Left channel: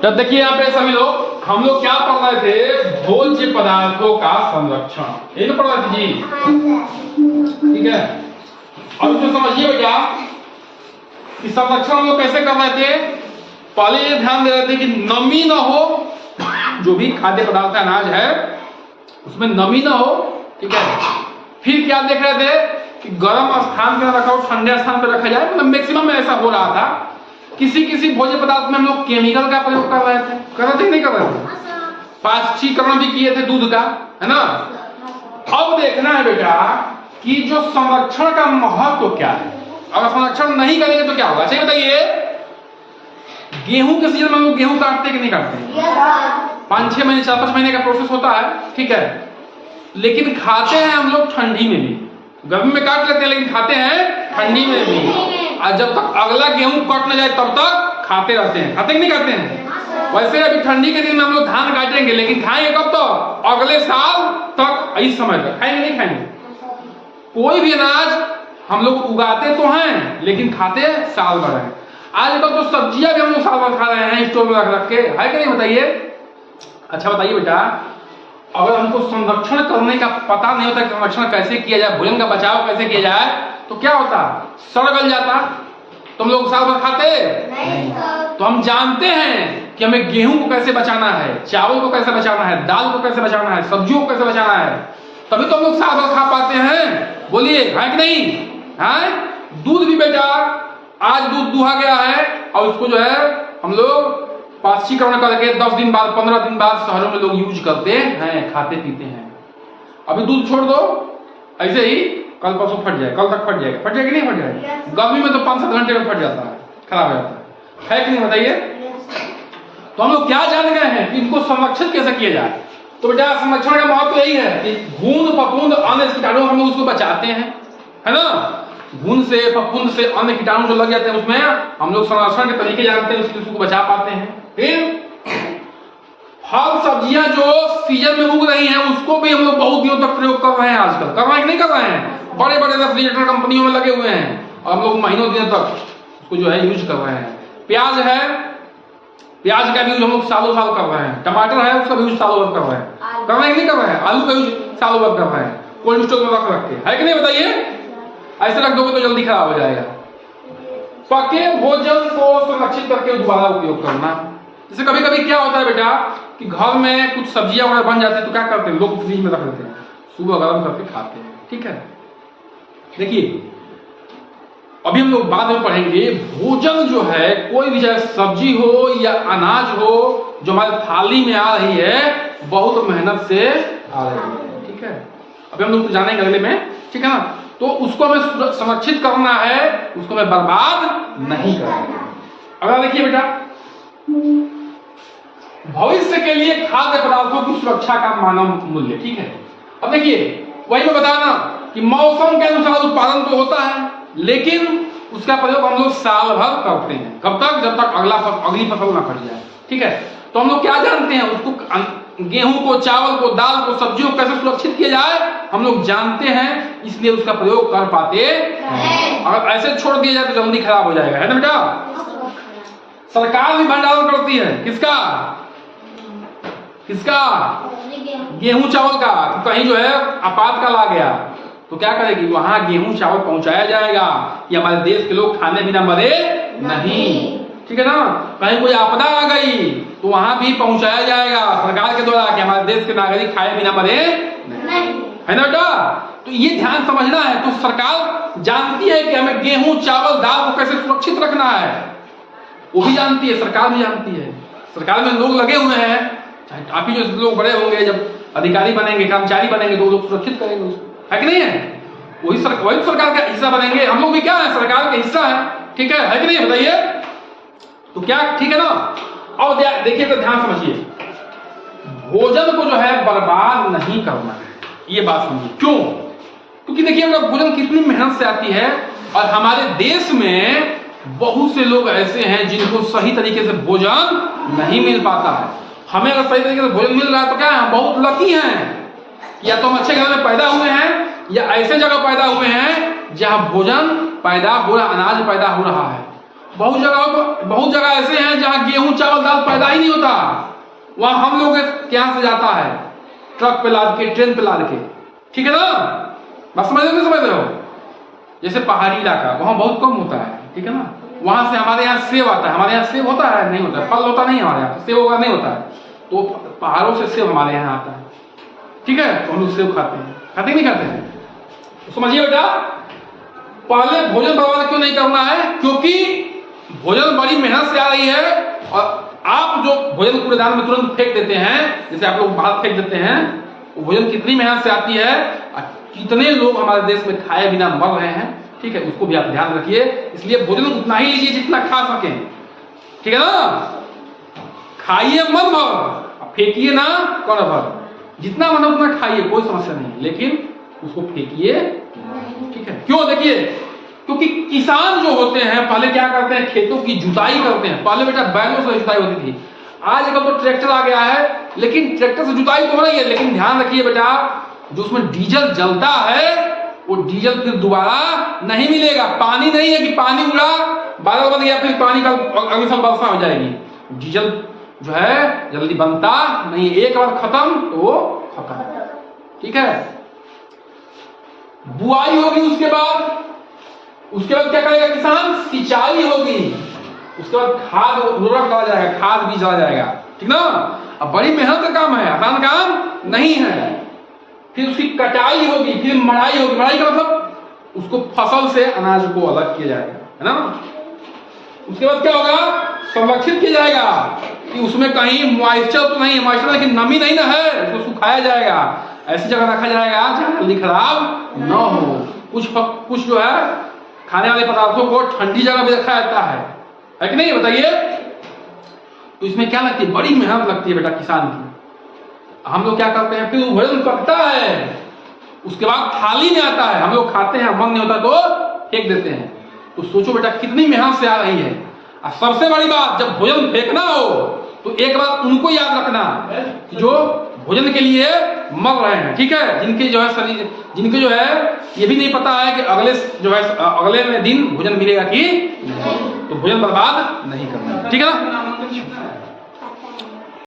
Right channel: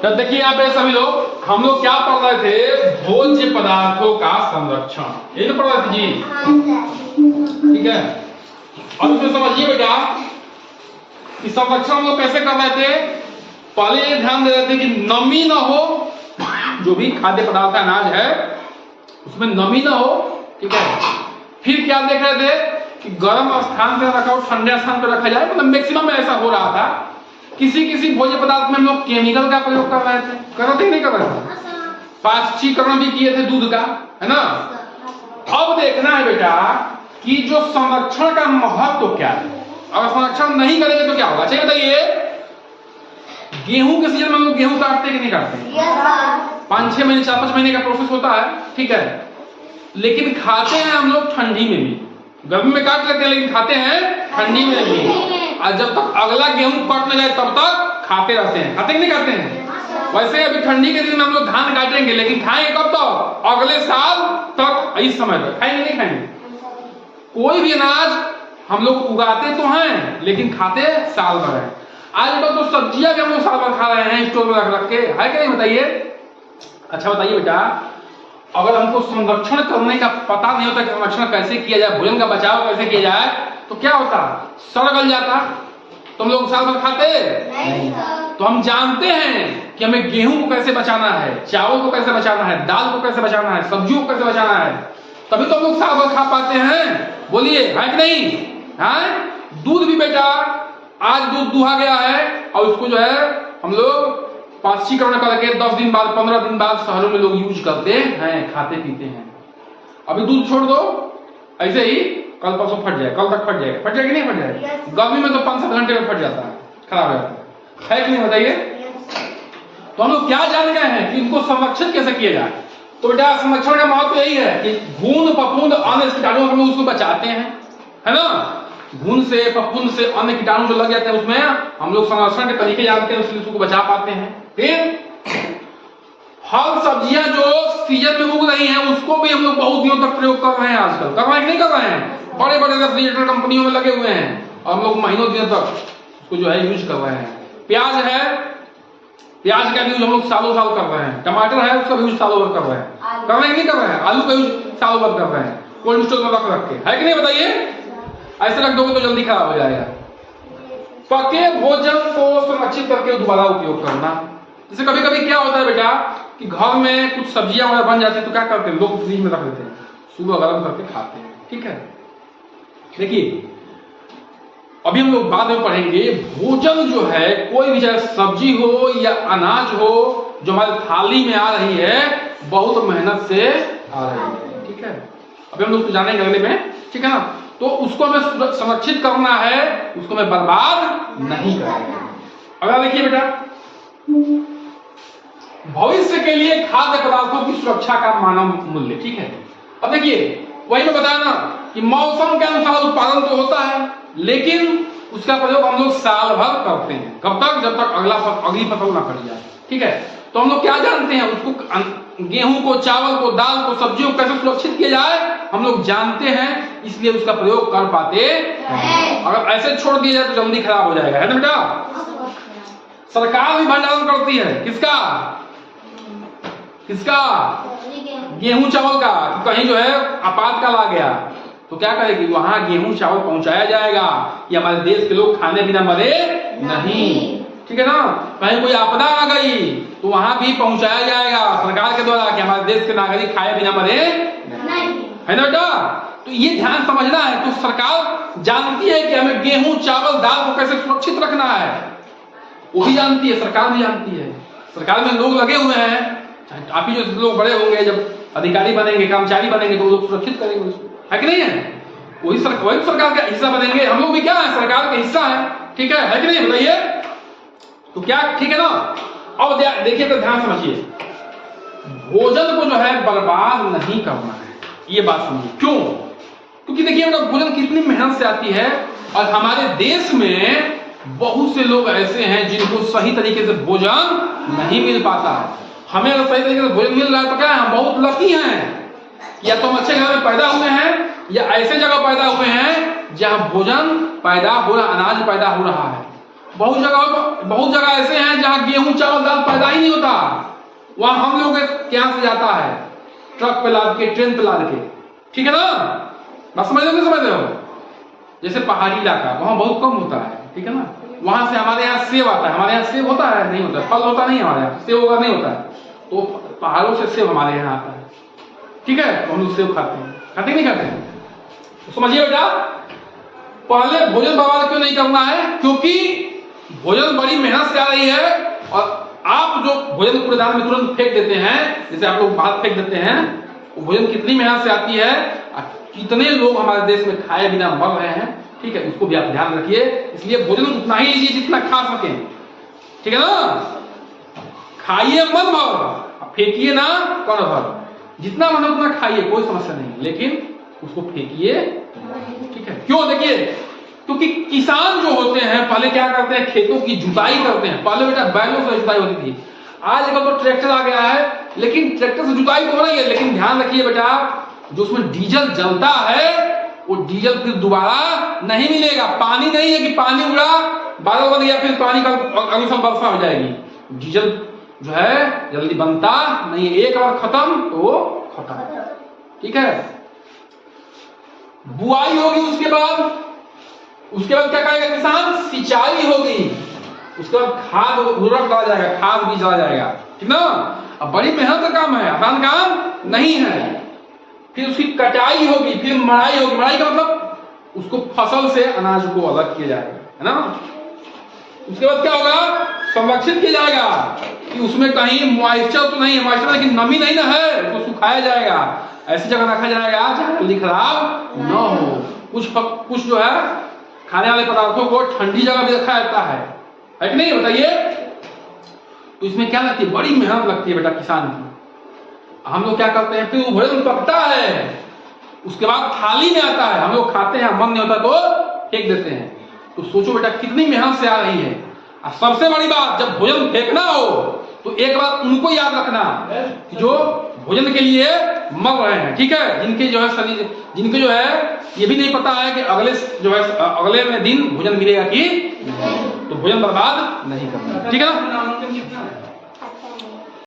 तो देखिए यहाँ पे सभी लोग, हम लोग क्या पढ़ रहे थे, भोज्य पदार्थों का संरक्षण, ये पढ़ रहे थे जी। ठीक है, अब इसमें समझिए बेटा कि संरक्षण हम लोग कैसे कर रहे थे। पहले ये ध्यान दे रहे थे कि नमी ना हो, जो भी खाद्य पदार्थ का अनाज है उसमें नमी ना हो। ठीक है, फिर क्या देख रहे थे कि गर्म स्थान पर रखा हो, ठंडे स्थान पर रखा जाए। मतलब मैक्सिमम ऐसा हो रहा था। किसी किसी भोज्य पदार्थ में हम लोग केमिकल का प्रयोग कर रहे थे कि नहीं कर रहे थे। पाश्चीकरण भी किए थे दूध का, है ना। अब देखना है बेटा कि जो संरक्षण का महत्व क्या है। अगर संरक्षण नहीं करेंगे तो क्या होगा, चाहिए बताइए। गेहूं के सीजन में हम लोग गेहूं काटते कि नहीं काटते? 5-6 महीने 4-5 महीने का प्रोसेस होता है। ठीक है, लेकिन खाते हैं हम लोग ठंडी में भी। गर्मी में काट लेते हैं लेकिन खाते हैं ठंडी में भी। और जब तक अगला गेहूं कट न जाए तब तक खाते रहते हैं। खाते कि नहीं खाते हैं? वैसे अभी ठंडी के दिन में हम लोग धान काटेंगे, लेकिन खाएंगे कब तक? अगले साल तक, इस समय तक खाएंगे नहीं खाएंगे। कोई भी अनाज हम लोग उगाते तो हैं लेकिन खाते साल भर है। आजकल तो सब्जियां भी हम लोग साल भर खा रहे हैं स्टोर में रख के, है कि नहीं बताइए। अच्छा बताइए बेटा, अगर हमको संरक्षण करने का पता नहीं होता कि संरक्षण कैसे किया जाए, भोजन का बचाव कैसे किया जाए, तो क्या होता? सड़ गल जाता। तुम लोग साल भर खाते नहीं। तो हम जानते हैं कि हमें गेहूं को कैसे बचाना है, चावल को कैसे बचाना है, दाल को कैसे बचाना है, सब्जियों को कैसे बचाना है, तभी तो हम लोग साल भर खा पाते हैं। बोलिए है कि नहीं? है। दूध भी बेटा, आज दूध दुहा गया है और उसको जो है हम लोग पाश्चीकरण करके 10 दिन बाद 15 दिन बाद शहरों में लोग यूज करते हैं, खाते पीते हैं। अभी दूध छोड़ दो, ऐसे ही कल परसों फट जाए, कल तक फट जाएगा। फट जाएगा नहीं फट जाएगा? गर्मी में तो 5-7 घंटे में फट जाता है, खराब हो जाता है कि नहीं बताइए। तो हम लोग क्या जान गए हैं कि इनको संरक्षित कैसे किया जाए। तो बेटा संरक्षण का महत्व यही है कि घून फफूंद अन्य कीटाणु हम लोग उसको बचाते हैं, है ना। घून से फफूंद से अन्य कीटाणु जो लग जाते हैं उसमें हम लोग संरक्षण के तरीके जानते हैं, इसलिए उसको बचा पाते हैं। फिर फल सब्जियां जो सीजन में उग रही हैं उसको भी हम लोग बहुत दिनों तक प्रयोग कर रहे हैं। आजकल कर रहे हैं कि नहीं कर रहे हैं? बड़े बड़े रेफ्रिजरेटर कंपनियों में लगे हुए हैं और हम लोग महीनों दिनों तक उसको जो है यूज कर रहे हैं। प्याज है, प्याज का यूज हम लोग सालों साल कर रहे हैं। टमाटर है, उसका यूज सालों भर कर रहे हैं। कर रहे हैं कि नहीं कर रहे हैं? आलू का यूज सालों भर कर रहे हैं, कोल्ड स्टोर में रख के, है कि नहीं बताइए। ऐसे रख दोगे तो जल्दी खराब हो जाएगा। पके भोजन को संरक्षित करके दोबारा उपयोग करना। जैसे कभी कभी क्या होता है बेटा कि घर में कुछ सब्जियां वगैरह बन जाती है तो क्या करते हैं लोग, फ्रिज में रख देते हैं, सुबह गर्म करके खाते हैं। ठीक है, देखिए अभी हम लोग बाद में पढ़ेंगे, भोजन जो है कोई भी चाहे सब्जी हो या अनाज हो जो हमारे थाली में आ रही है, बहुत मेहनत से आ रही है। ठीक है, अभी हम लोग जानेंगे अगले में, ठीक है ना। तो उसको हमें संरक्षित करना है, उसको हमें बर्बाद नहीं करना। अगला देखिए बेटा, भविष्य के लिए खाद्य पदार्थों की सुरक्षा का मानव मूल्य। ठीक है, अब देखिए वही मैं बताना कि मौसम के अनुसार उत्पादन तो होता है लेकिन उसका प्रयोग हम लोग साल भर करते हैं। कब तक? जब तक अगली फसल ना फट जाए। ठीक है, तो हम लोग क्या जानते हैं, उसको गेहूं को, चावल को, दाल को, सब्जियों को कैसे सुरक्षित किया जाए हम लोग जानते हैं, इसलिए उसका प्रयोग कर पाते हैं। अगर ऐसे छोड़ दिया जाए तो जल्दी खराब हो जाएगा, है ना बेटा। सरकार भी भंडारण करती है, किसका किसका? गेहूं चावल का। तो कहीं जो है आपातकाल आ गया तो क्या करेगी, वहां गेहूं चावल पहुंचाया जाएगा कि हमारे देश के लोग खाने बिना मरे नहीं। ठीक है ना, कहीं कोई आपदा आ गई तो वहां भी पहुंचाया जाएगा सरकार के द्वारा कि हमारे देश के नागरिक खाए बिना मरे नहीं, है ना बेटा। तो ये ध्यान समझना है। तो सरकार जानती है कि हमें गेहूं चावल दाल को कैसे सुरक्षित रखना है, वो भी जानती है, सरकार भी जानती है। सरकार में लोग लगे हुए हैं, आप ही जो लोग बड़े होंगे, जब अधिकारी बनेंगे, कर्मचारी बनेंगे तो लोग सुरक्षित करेंगे उसको, है कि नहीं है। वही सरकार का हिस्सा बनेंगे। हम लोग भी क्या है, सरकार का हिस्सा है। ठीक है कि नहीं बताइए। तो क्या ठीक है ना। अब देखिए तो ध्यान समझिए, भोजन को जो है बर्बाद नहीं करना है, ये बात समझिए। क्यों? क्योंकि देखिए अगर भोजन कितनी मेहनत से आती है और हमारे देश में बहुत से लोग ऐसे हैं जिनको सही तरीके से भोजन नहीं मिल पाता है। हमें अगर सही तरीके से भोजन मिल रहा है तो क्या है, हम बहुत लकी हैं। या तो हम अच्छे घर में पैदा हुए हैं या ऐसे जगह पैदा हुए हैं जहां भोजन पैदा हो रहा, अनाज पैदा हो रहा है। बहुत जगह ऐसे हैं जहां गेहूं चावल दाल पैदा ही नहीं होता, वहां हम लोग के यहाँ से जाता है ट्रक पे लाद के, ट्रेन पे लाद के। ठीक है ना, बात समझ रहे हो? जैसे पहाड़ी इलाका वहां बहुत कम होता है, ठीक है ना, वहां से हमारे यहाँ सेब आता है। हमारे यहाँ सेब होता है नहीं होता, फल होता नहीं हमारे यहाँ, सेब होगा नहीं होता है, तो पहाड़ों से सेब हमारे यहाँ आता है। ठीक है, तो हम लोग सेब खाते हैं, खाते नहीं खाते हैं? तो समझिए बेटा, पहले भोजन बर्बाद क्यों नहीं करना है, क्योंकि भोजन बड़ी मेहनत से आ रही है, और आप जो भोजन कूड़ेदान में तुरंत फेंक देते हैं, जैसे आप लोग बाहर फेंक देते हैं, वो भोजन कितनी मेहनत से आती है, कितने लोग हमारे देश में खाए बिना मर रहे हैं। ठीक है, उसको भी आप ध्यान रखिए। इसलिए भोजन उतना ही लीजिए जितना खा सके, ठीक है ना, खाइए मन भर, फेंकिए ना कौन भर, जितना मन उतना खाइए, कोई समस्या नहीं, लेकिन उसको फेंकिए। ठीक है, क्यों? देखिए, क्योंकि किसान जो होते हैं पहले क्या करते हैं, खेतों की जुताई करते हैं। पहले बेटा बैलों से जुताई होती थी, आजकल तो ट्रैक्टर आ गया है, लेकिन ट्रैक्टर से जुताई तो हो रही है, लेकिन ध्यान रखिए बेटा, जो उसमें डीजल जलता है वो डीजल फिर दोबारा नहीं मिलेगा। पानी नहीं है कि पानी उड़ा, बादल बन गया, फिर पानी का अगले साल वर्षा हो जाएगी। डीजल जो है जल्दी बनता नहीं, एक बार खत्म तो वो खत्म। ठीक है, बुआई होगी, उसके बाद क्या करेगा किसान, सिंचाई होगी, उसके बाद खाद उर्वरक डाला जाएगा, खाद बीज डाला जाएगा। ठीक ना, अब बड़ी मेहनत का काम है, आसान काम नहीं है। फिर उसकी कटाई होगी, फिर मड़ाई होगी। मड़ाई का मतलब उसको फसल से अनाज को अलग किया जाएगा, है ना। उसके बाद क्या होगा, संरक्षित किया जाएगा कि उसमें कहीं मॉइस्चर तो नहीं, मॉइस्चर लेकिन नमी नहीं ना है, उसको सुखाया जाएगा, ऐसी जगह रखा जाएगा जहां जल्दी खराब न हो। कुछ जो है खाने वाले पदार्थों को ठंडी जगह पे रखा जाता है कि नहीं, बताइए। तो इसमें क्या लगती है, बड़ी मेहनत लगती है बेटा किसान की। हम लोग क्या करते हैं, फिर वो भोजन पकता है, उसके बाद थाली में आता है, हम लोग खाते हैं, मन नहीं होता तो फेंक देते हैं। तो सोचो बेटा कितनी मेहनत से आ रही है। और सबसे बड़ी बात, जब भोजन फेंकना हो तो एक बात उनको याद रखना कि जो भोजन के लिए मर रहे हैं, ठीक है, जिनके जो है शरीर, जिनके जो है ये भी नहीं पता है कि अगले दिन भोजन मिलेगा कि नहीं, तो भोजन बर्बाद नहीं करना, ठीक है ना।